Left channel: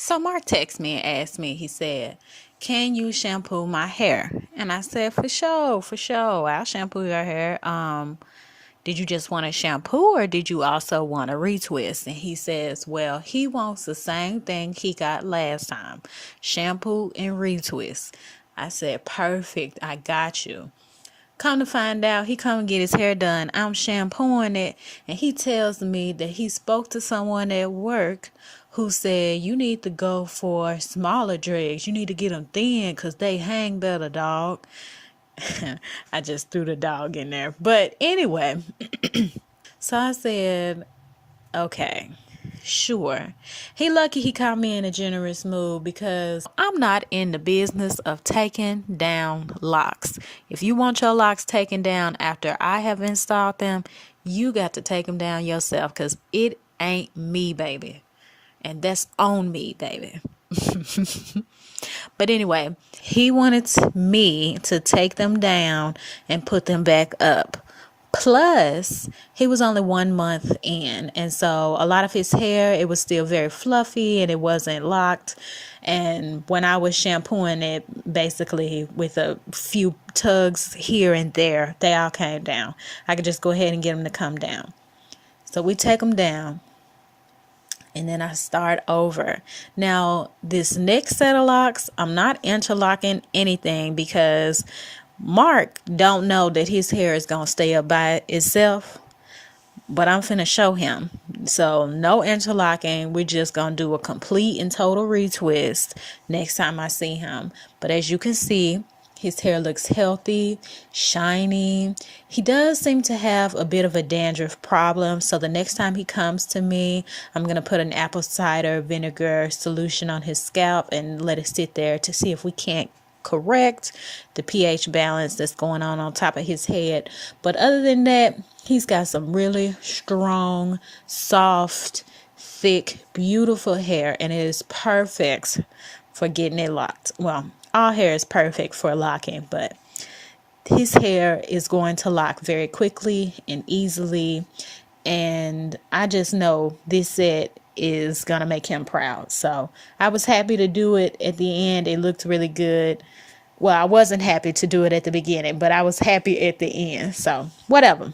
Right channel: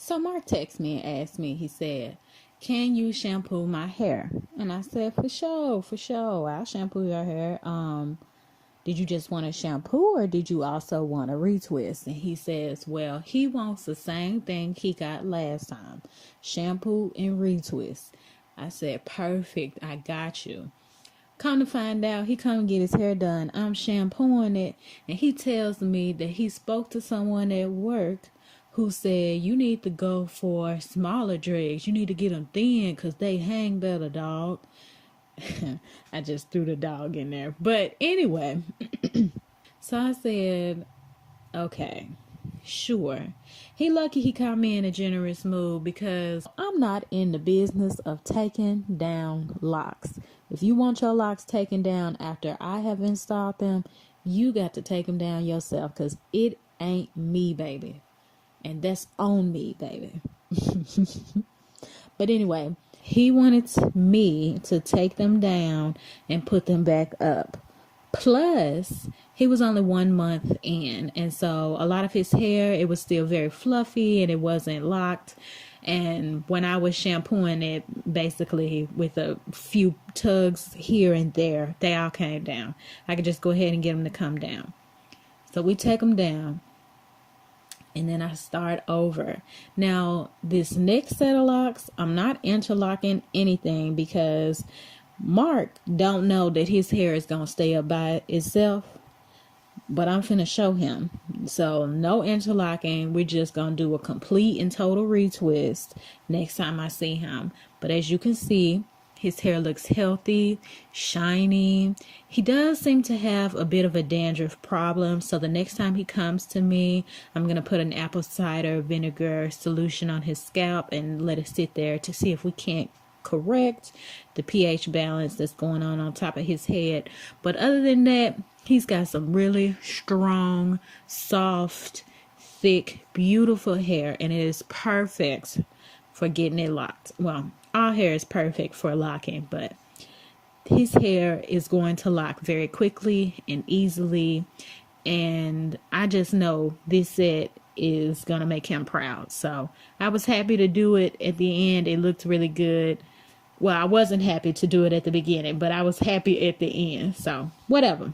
So Mark texted me and asked me, he said, can you shampoo my hair? And I said, for sure, for sure. I'll shampoo your hair. Did you just want a shampoo or did you also want a retwist? And he says, well, he wants the same thing he got last time, shampoo and retwist. I said, perfect. I got you. Come to find out, he come and get his hair done. I'm shampooing it, and he tells me that he spoke to someone at work who said, you need to go for smaller dreads. You need to get them thin because they hang better, dog. I just threw the dog in there. But anyway, so I said, okay, sure. He lucky he caught me in a generous mood because I'm not in the business of taking down locks. If you want your locks taken down after I have installed them, you got to take them down yourself because it ain't me, baby. And that's on me, baby. But anyway, he wanted me to take them down and put them back up. Plus, he was only 1 month in. And so a lot of his hair, it was still very fluffy and it wasn't locked. And when I was shampooing it, basically with a few tugs here and there, they all came down. I could just go ahead and get them to come down. So we take them down. And then I start over. Now, this next set of locks, I'm not interlocking anything because Mark don't know that his hair is going to stay up by itself. But I'm finna show him. So no interlocking. We're just going to do a complete and total retwist next time I see him. But as you can see, his hair looks healthy, shiny. He does seem to have a bit of a dandruff problem. So the next time he comes to me, I'm going to put an apple cider vinegar solution on his scalp and let it sit there to see if we can't correct the pH balance that's going on top of his head. But other than that, he's got some really strong, soft, thick, beautiful hair. And it is perfect for getting it locked. Well, all hair is perfect for locking, but his hair is going to lock very quickly and easily. And I just know this set is going to make him proud. So I was happy to do it at the end. It looked really good. Well, I wasn't happy to do it at the beginning, but I was happy at the end. So whatever.